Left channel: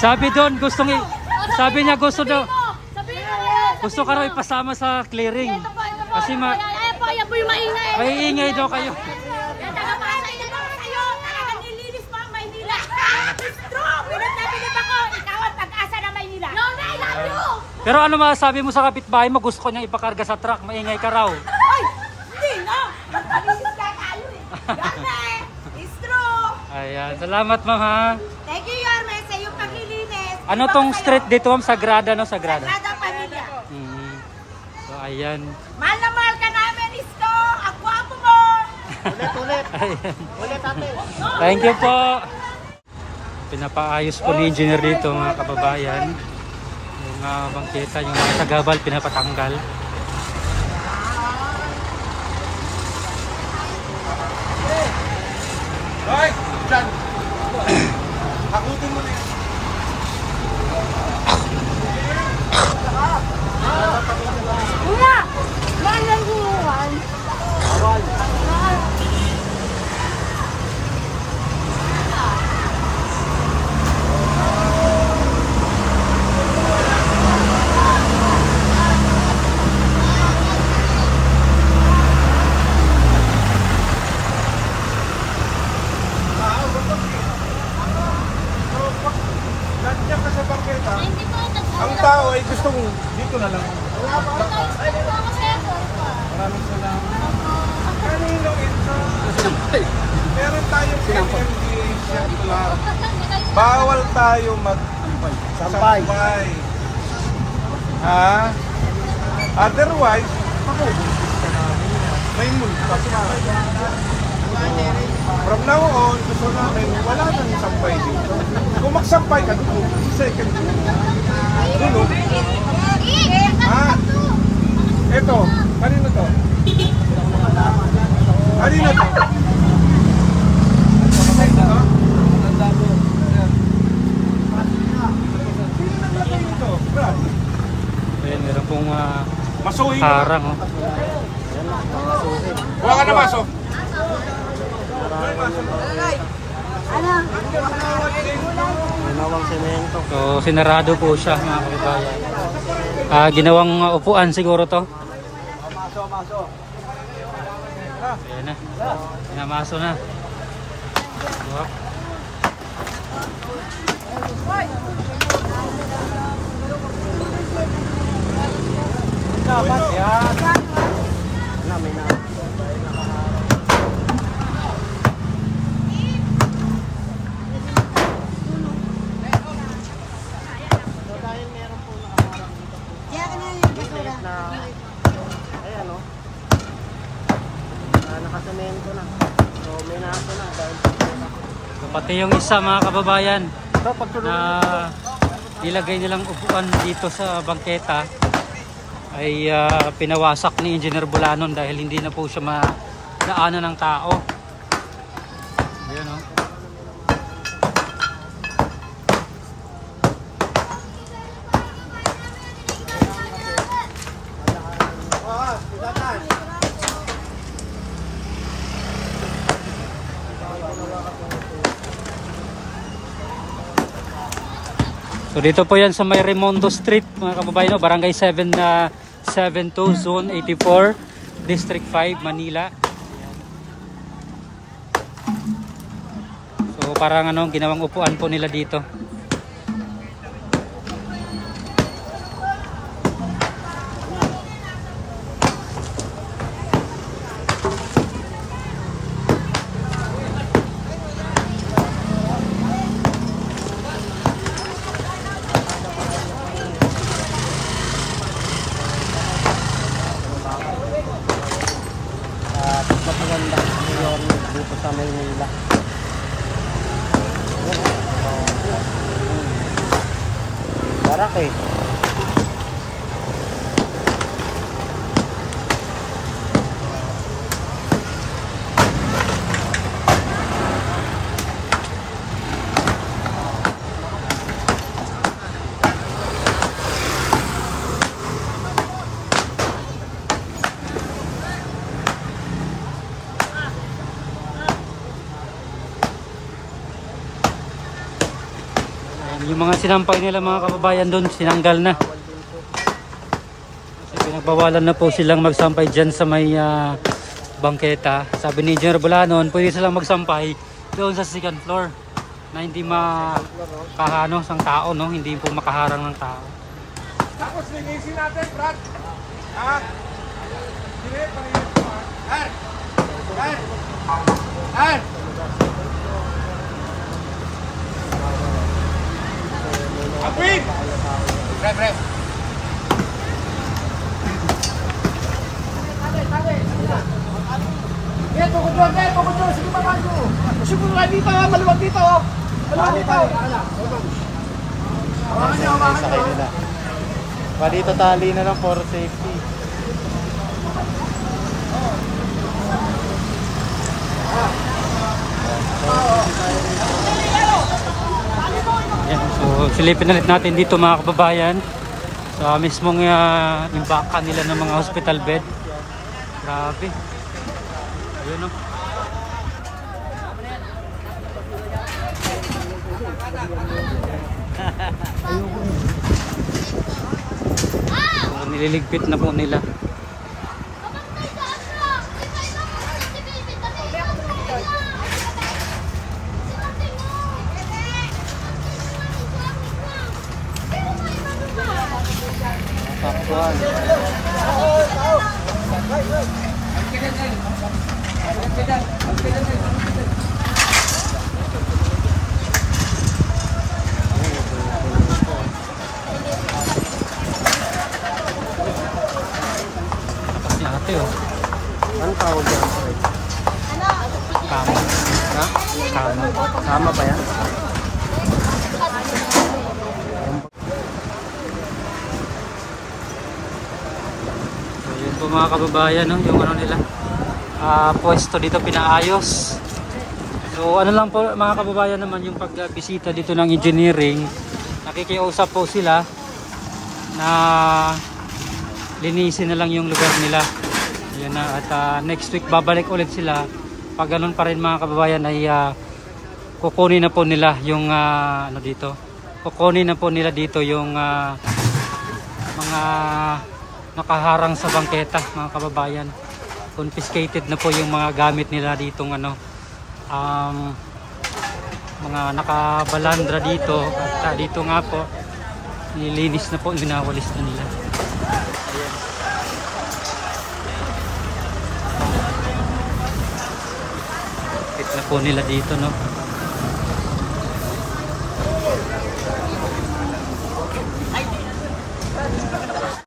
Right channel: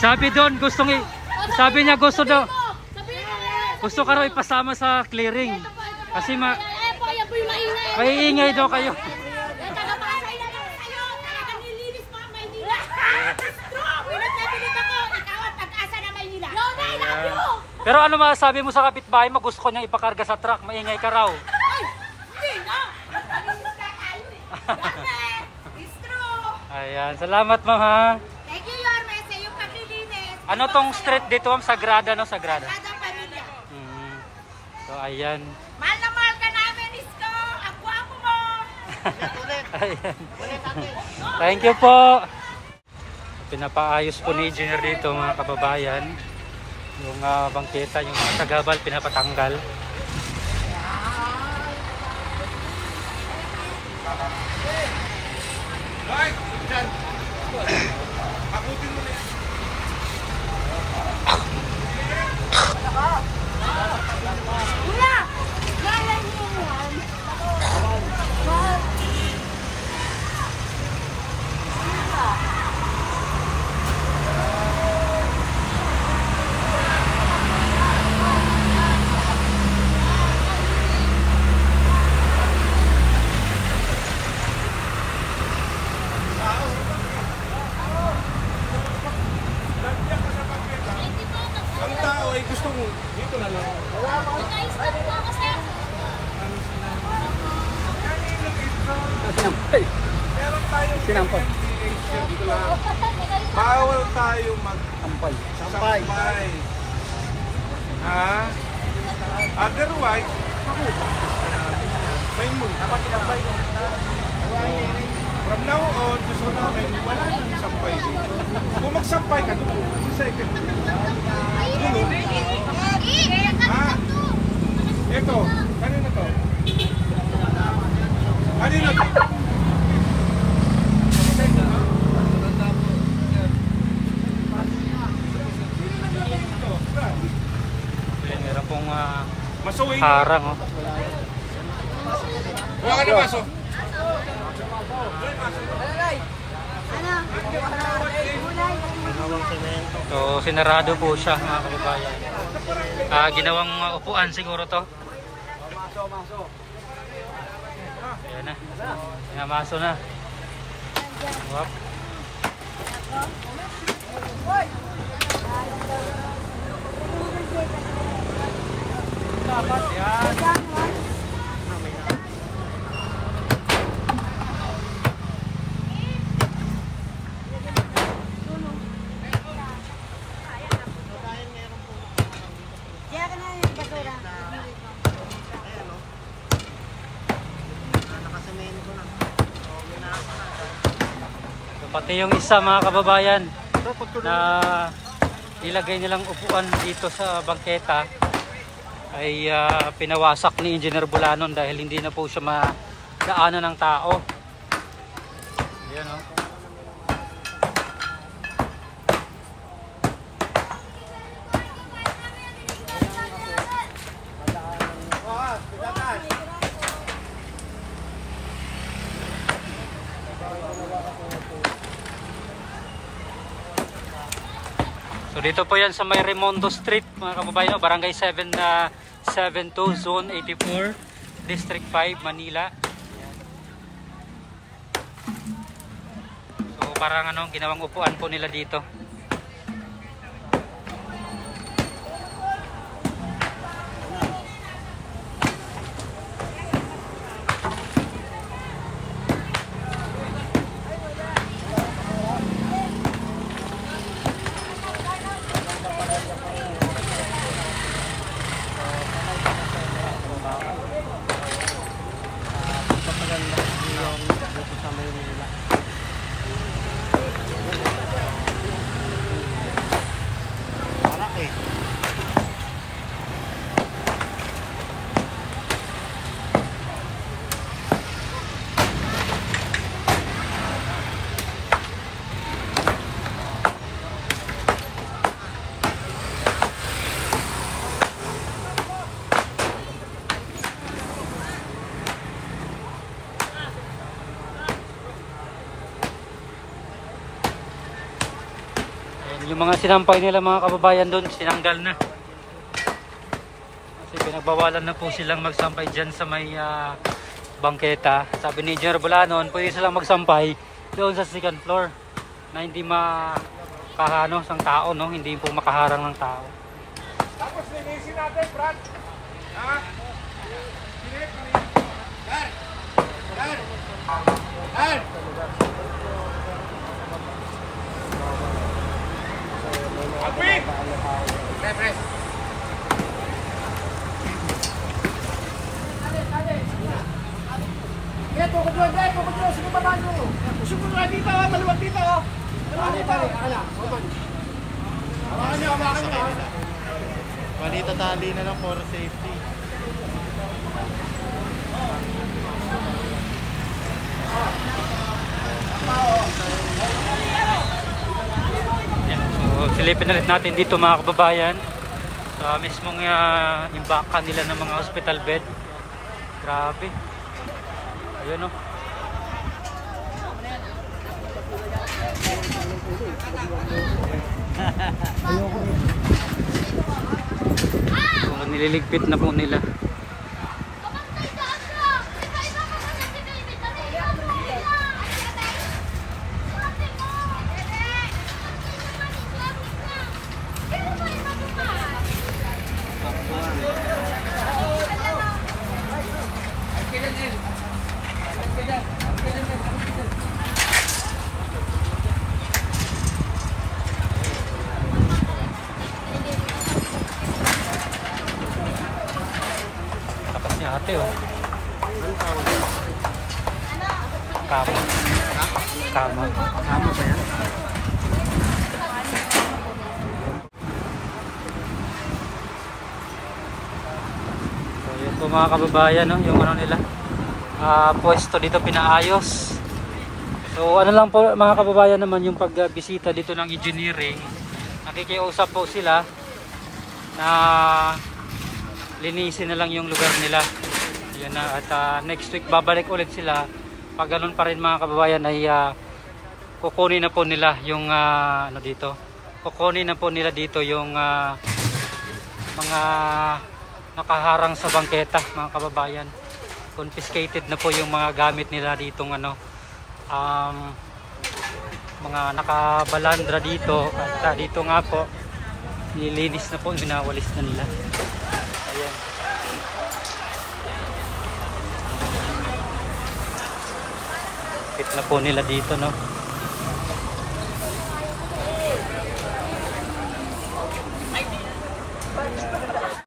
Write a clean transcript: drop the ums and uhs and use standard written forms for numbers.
Sabi doon, sabi niya gusto daw. Gusto ka raw ipasama sa clearing. Kasi Ayan po yung maingay. maiingay daw kayo. Nilinis po ang Maynila. It's true. Pinagsabilit ako. Ikaw ang pag-asa ng Maynila. No, I love you. Pero ano masasabi mo sa kapitbahay mo? Gusto ko niyang ipakarga sa truck. Maingay ka raw. Ay, hindi no. Nagpalinis ka tayo eh. It's true. Ayan. Salamat ma'am ha. Thank you, Yorme, sa iyong paglilinis. Ano tong street dito ma'am? Sagrada no? Sagrada. Sagrada Pamilya. So ayan. Mahal na mahal ka namin, Isko. Ang guwapo mo. Ayan. Thank you po. Pinapaayos po ni engineer dito mga kababayan. Yung bangketa, yung mga sagabal pinapatanggal. Hoy! Diyan! Hakutin mo na yan. Nga! May naguluhan. Nandiyan ka sa bangketa. Ang tao ay gustong dito na lang. Maraming salamat. Kanino ito? Meron tayong MMDA circular. Bawal tayo mag-sampay. Ha? Otherwise, may multa. From now on, gusto namin, wala nang sampay dito. Kung magsampay ka, doon, second dulo. Ha? Ito, kanino to? Kanino to? Sino to? Sino naglagay nito? Ayan, meron pong Masuhin. harang. Oh. Buha ka na maso. So sinarado po siya mga kababayan. Ginawang upuan siguro to. Ayan na. Pinamaso na. Wap. Pati yung isa mga kababayan na nilagay nilang upuan dito sa bangketa ay pinawasak ni Engineer Bulanon dahil hindi na po siya madaanan ng tao. Ayan o. So dito po yan sa may Remondo Street mga kababayan, Barangay 7 na 72 Zone 84 District 5 Manila. Ayan. So parang ginawang upuan po nila dito. Yung mga sinampay nila mga kababayan doon, sinanggal na. Kasi pinagbawalan na po silang magsampay dyan sa may bangketa. Sabi ni Engineer Bulanon, pwede silang magsampay doon sa second floor na hindi makahano sang tao, no? Hindi po makaharang ng tao. Tapos linisin natin, Brad. Ha? Sige, pareho ko, ha? Alvin! Pre. Tukod doon. Sige, baba nyo. Siguro nga dito, maluwag dito. Maluwag dito. Hawakan nyo. Dito tali na lang for safety. Yan, so silipin ulit natin dito mga kababayan sa mismong imbakan nila ng mga hospital bed. Grabe. Ayun, oh. So, nililigpit na po nila. Takas ni ate, oh. Anong tawag yun? Kama. Kama. Kama ba yan? So yun po mga kababayan, no? Yung ano nila, pwesto dito pinaayos. So ano lang po mga kababayan naman yung pagbisita dito ng engineering, nakikiusap po sila na linisin na lang yung lugar nila. Ayan na, at next week babalik ulit sila. Pag ganun pa rin mga kababayan ay kukunin na po nila yung ano dito. Kukunin na po nila dito yung mga nakaharang sa bangketa mga kababayan. Confiscated na po yung mga gamit nila ditong ano, mga nakabalandra dito, at dito nga po nilinis na po, winawalis na nila. Ayan. Fit na po nila dito, no?